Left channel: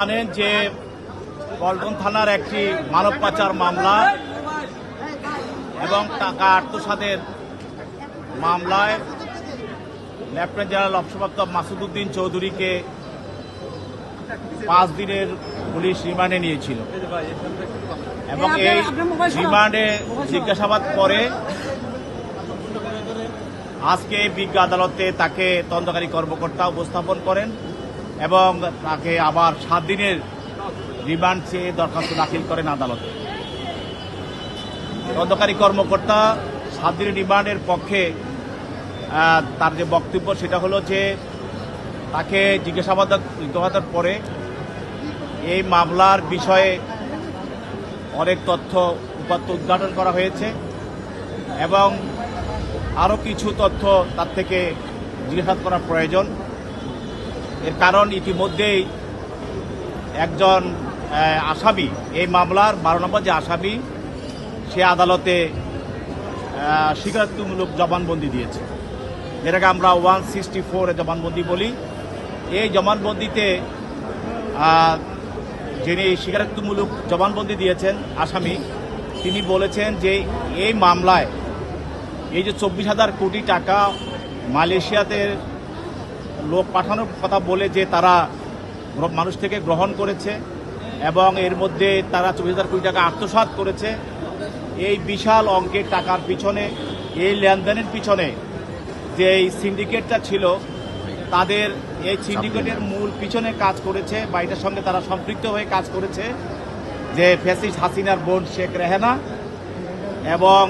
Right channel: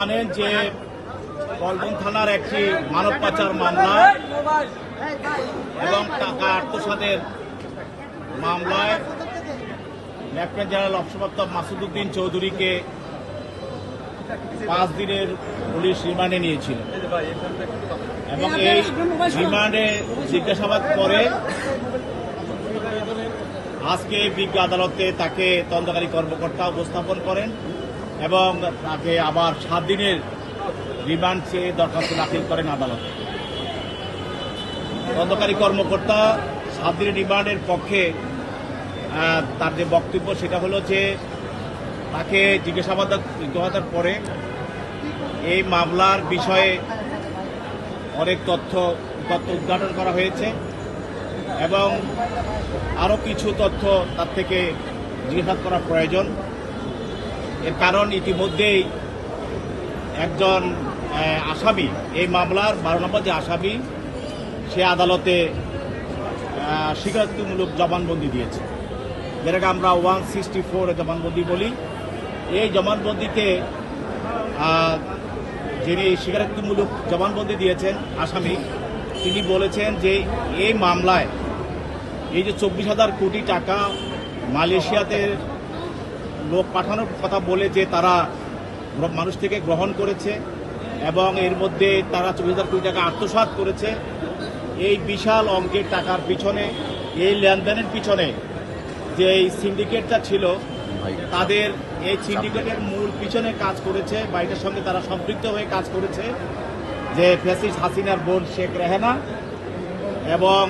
জানেন যে পল্টন থানার একটি মানব পাচার মামলা এবং টাকা আত্মসাতের মামলায় লেফটেন্যান্ট জেনারেল অবসরপ্রাপ্ত মাসুদ উদ্দিন চৌধুরীকে 5 দিনের পুলিশ রিমান্ডে নিয়েছিল এবং এই রিমান্ডে জিজ্ঞাসাবাদ করে আজকে বিজ্ঞ আদালতে তাকে তদন্তকারী কর্মকর্তা উপস্থাপন করেন এবং তাকে আবার 7 দিনের রিমান্ড চেয়ে দরখাস্ত দাখিল করেন আদালতে। তদন্তকারী কর্মকর্তা 7 দিনের রিমান্ডের পক্ষে তার যে বক্তব্য সেটা হলো যে তাকে জিজ্ঞাসাবাদের পরে এই মামলার বিষয়ে অনেক তথ্য উপাত্ত উদ্ঘাটন করা হয়েছে এবং আরও কিছু তথ্য তার থেকে জিজ্ঞাসাবাদ করা প্রয়োজন। এর কারণ ইতিমধ্যেই একজন আসামি, এই মামলার 12 নম্বর যে আসামি, সে আদালতে স্বীকারোক্তিমূলক জবানবন্দি দিয়েছে, যেটাকে আমরা 164 জবানবন্দি বলি। এই জবানবন্দিতে যিনি স্বীকারোক্তিমূলক জবানবন্দি দিয়েছেন আসামি, তিনি বলেছেন যে এই মামলায় এই যে 24,000 কোটি টাকা মালয়েশিয়াতে লোক পাঠানোর কথা বলে যে তারা মানুষ থেকে গ্রহণ করেছে এবং এর মধ্যে তারা 24,000 কোটি টাকা আত্মসাৎ করেছে, এই বিশাল অঙ্কের টাকার পিছনে, এই লেনদেনের পিছনে যে এই সিন্ডিকেটটা ছিল, তাদের এই সিন্ডিকেটের মূল পিছনে কাজ করেছে বা এটার সঙ্গে তারা সম্পৃক্ত হয়ে কাজ করেছে যে ফ্যাসিস্ট হাসিনার বোন শেখ রেহেনা এবং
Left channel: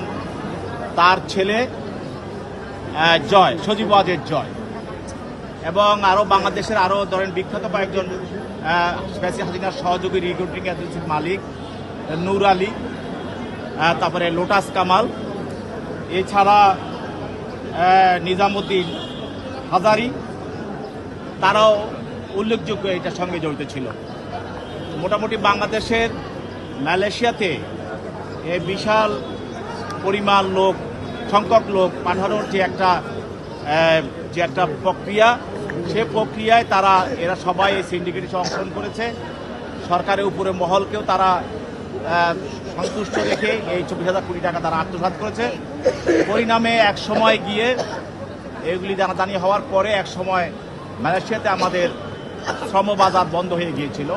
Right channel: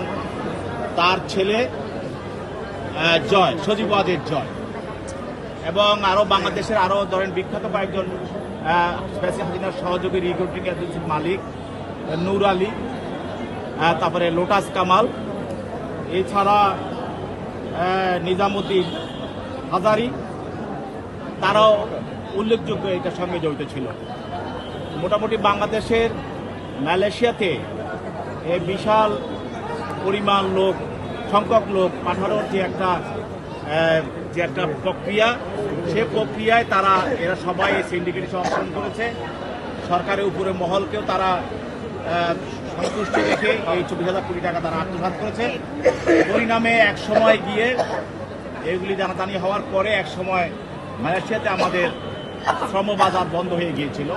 তার ছেলে জয়, সজীব ওয়াজেদ জয়, এবং আরও বাংলাদেশের আরও ধরেন বিখ্যাত কয়েকজন ফ্যাসিস্ট হাসিনার সহযোগী রিক্রুটিং এজেন্সির মালিক নূর আলী, তারপরে লোটাস কামাল, এছাড়া নিজামুদ্দিন হাজারি, তারাও উল্লেখযোগ্য এটার সঙ্গে জড়িত ছিল। মোটামুটি বাংলাদেশের মালয়েশিয়াতে এই বিশাল পরিমাণ সংখ্যক লোক পাঠানোর যে একটা প্রক্রিয়া, সে প্রক্রিয়ায় এরা সবাই এই সিন্ডিকেটে অংশগ্রহণ করেছে। সরকারের উপরে মহলকেও তারা সন্তুষ্ট রেখে এই 24,000 কোটি টাকা তারা আত্মসাৎ করেছে। পরিণামে এক সময় গিয়ে এগুলি জানাজানি হওয়ার পরে এক সময় মালয়েশিয়াতে আমাদের শ্রমবাজার বন্ধ হয়ে গিয়েছিল।